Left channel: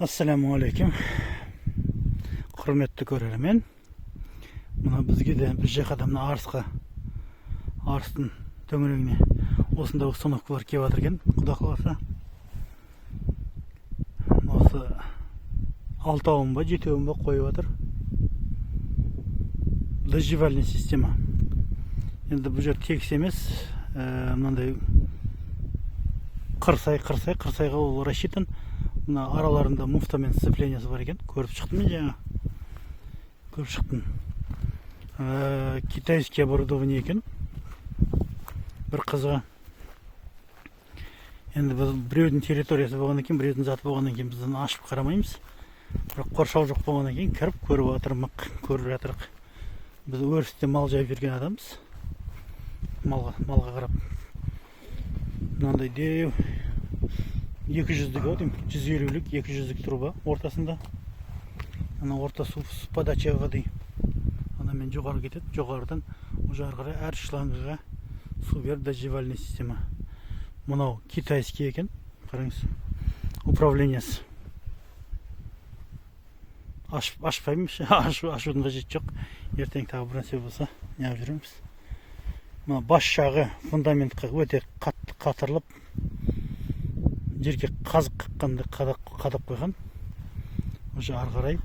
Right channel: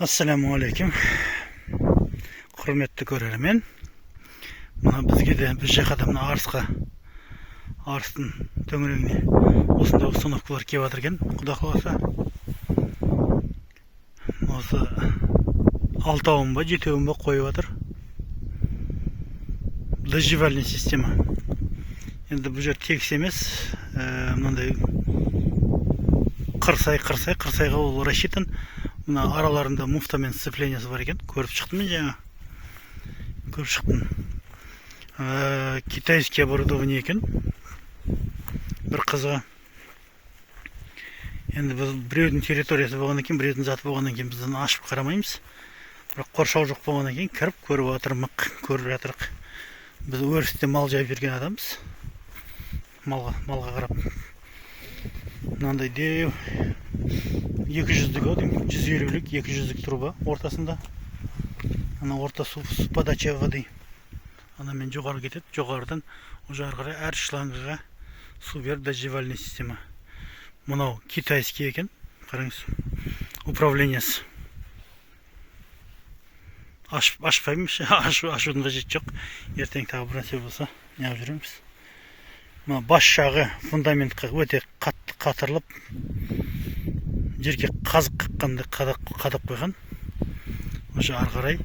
Assalamu alaikum. Құрметті көрермен. Мына бізге де біз жақта мына арыстың төңірегіне осындай установкалар келіп жатыр екен. Құда қаласа. Осы 6-ауын ба 7-ауын ба қойып жатыр. Дождевальная система. Енді бұл жер тегіс емес, мынандай қырсайға ол рассчитан. Мына араларында муфтамен сцеплениясы бар екен. Көріп шықтым мен жаңа. Көріп шықтым. Китайский оборудование екен. Бір қызға. Енді біз біреудің территориясы болғаннан кейін, біреудің заты болғаннан кейін біздің ашып қарамаймыз. Бірақ қоршау жоқ болғаннан кейін кіріп көріп отырмық, көріп жатырық. Біз өрісте мал жайып жүрген адамбыз. Малға қарап. Мынандай деу 200-лік ау деймін, 150-лік, 200-лік труба ортасында. Ана орта су подача воды. Ана мен жоғары кетеді, жоғарыдан уже ары қарай әр шлангыға су беріп дождевальная система. Мынау китайский екен, қараңыз. Управлениясы. Ашпаймыз, ашудың қажеті жоқ. Ертең тағы бір нәрсе болса, неғып жүреміз. Мына бас жағы фундаментқа өте қатты қатырылып, жерге қазық қаққанды қадап қойған. Уже ары қарай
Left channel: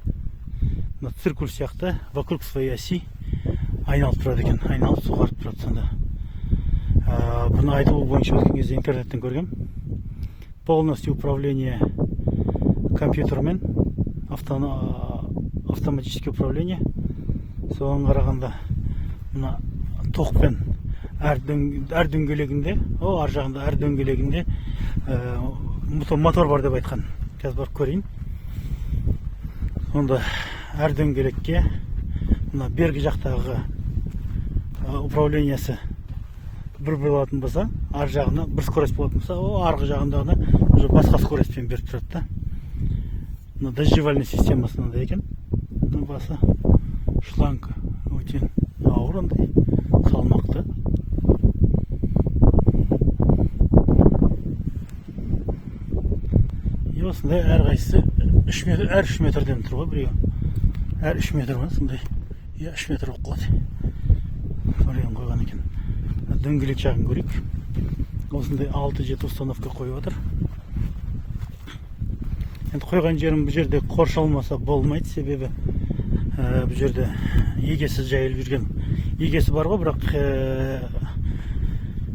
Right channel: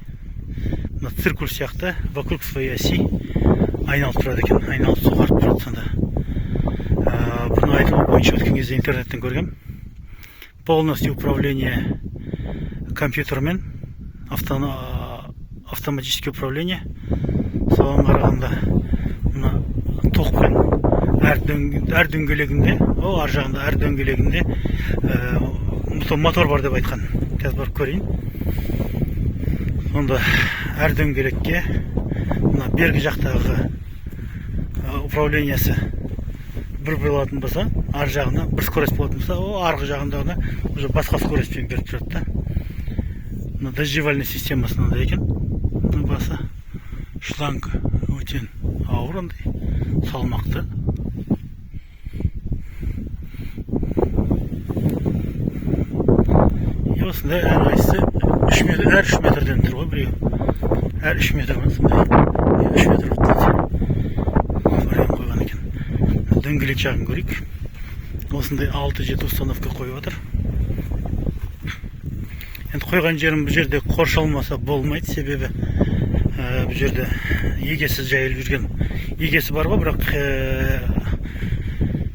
мына циркуль сияқты вокруг своей оси айналып тұрады екен. Айналып суғарып тұрады сонда. Бұны айтылу бойынша өткен кезде интернеттен көргем. Полностью управление компьютермен, автоматическое управление. Соған қарағанда мына тоқпен әр дөңгелегінде, ар жағында әр дөңгелегінде мотор бар деп айтқан. Қазір барып көрейін. Сонда әр дөңгелекке мына бергі жақтағы управлениясы бір болатын болса, ар жағына бір скорость болатын болса, арғы жағындағына уже басқа скоростьпен беріп тұрады да. Мына дождевальная системасында екен. Басы шланг өте ауыр андай, салмақты. Осындай әрқайсысы 3 метрден тұр ғой біреу. Әр 3 метр ма сондай. 3 метр болып қалды. Вариант қойған екен. Дөңгелек жағын көрейік. Осындай 6-7 установка қойып отыр. Енді қойған жерім бұл жерде қоршалмаса болмайды, себебі бұл жерде егесіз жайылып жүрген. Егесі бар ғой, бірақ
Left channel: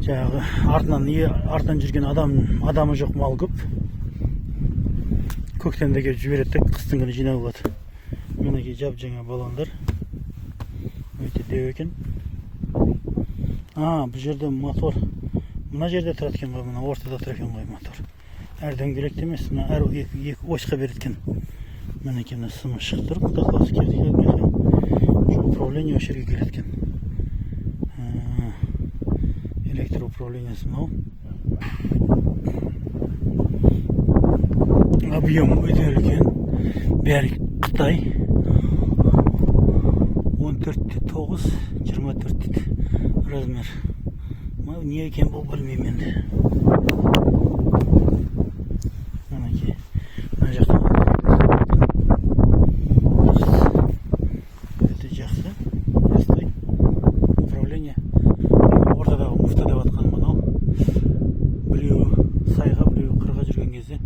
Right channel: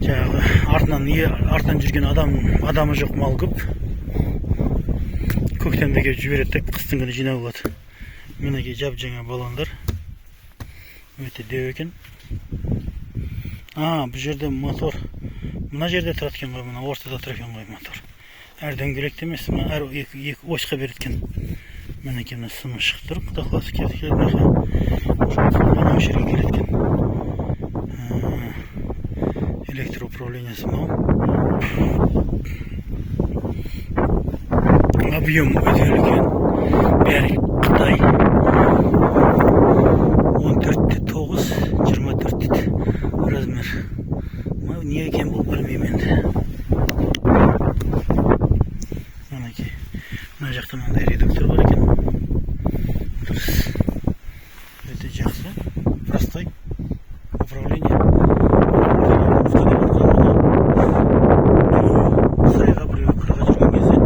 жаңағы артынан жүрген адамы жоқ, мал көп. Көктемде келіп жібереді, қыстың күні жинап алады. Мінекей жап-жаңа балондар. Өте деу екен. Бұл жерде мотор. Мына жерде тұрады екен ғой, мына ортада тұр екен ғой мотор. Әр дөңгелекте емес, әр екі осьқа береді екен. Мінекей мына сымы шығып тұр, құда қаласы келеді. Осы жерге келеді екен. Электр управлениясы мынау. Объем өте үлкен. Бәрі Қытай. 14-9, 24 размер. Не екен бұл білмеймін енді. Мінекей. Мына жақта мындай редуктор бар екен. Өте жақсы. Простой. Управление. Сайға біреу қырға жүрген кезде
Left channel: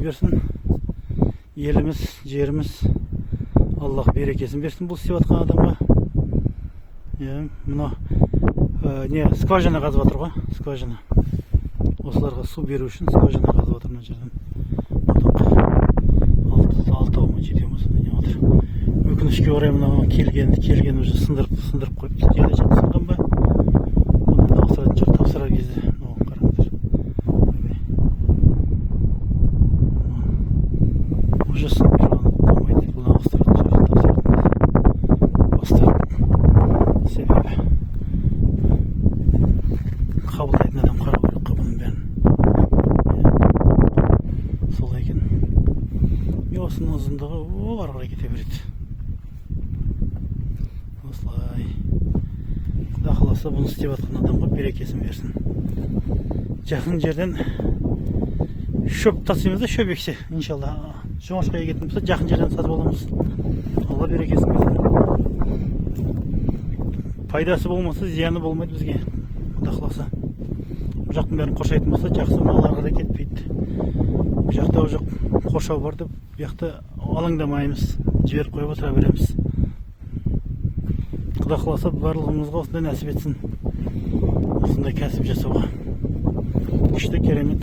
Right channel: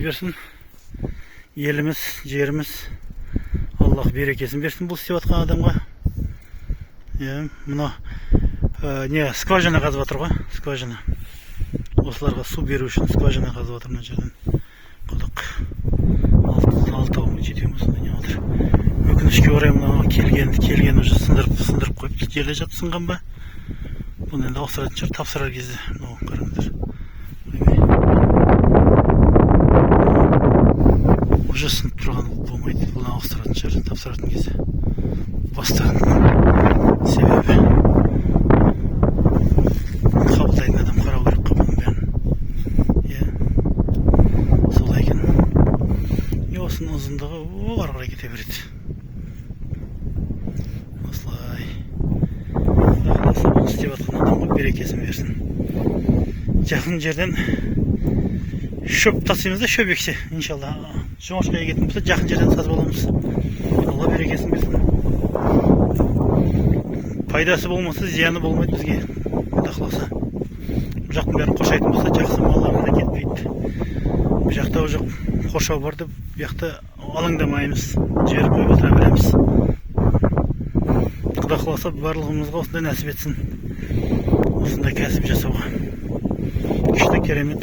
берсін. Еліміз, жеріміз Аллах берекесін берсін бұл істеп жатқан адамға. Мына скважина қазып жатыр ғой, скважина. Осыларға су беру үшін скважина қазып жатыр мына жерден. Құдық 6-ау, 7-ау сондай не жатыр. Өкінішке орай мына келген уже сындырып қойып, жерде жатып сынған ба? Оны енді ауыстыратын шығар, тапсырар кезде. Қараңыздар. Уже сынып тұрғаны болмайды, бұны ауыстыратын шығар, тапсыратын кезде. Бастарын себебі қабылдайтын адам қарау керек қой бұның бәрін. Солай екен. осының ұзындығы ары қарай кете береді. Осылай. Құдай қаласа bunu істеп жатқан адамға берекесін берсін. Жақын жерден шөп тасимыз да, шөп екші. Иншалла. Жоңашқа егетін болса, жақын жерден сатып аламыз. Алла берекесін берсін. Пайдасы болмаса, зияны болмайды бізге. Құдай қаласа. Бұл жақтың бәрін қоршайтын болса, жақсы малларға да кетпейді. Бұл жақта жоқ қоршау бар деп, бұл жақта алаңдамаймыз. Жіберіп қойып отыра береміз. Құдай қаласа барлығымызға осындай нәсіп етсін. Осындай кәсіп жасауға. Күшті керемет.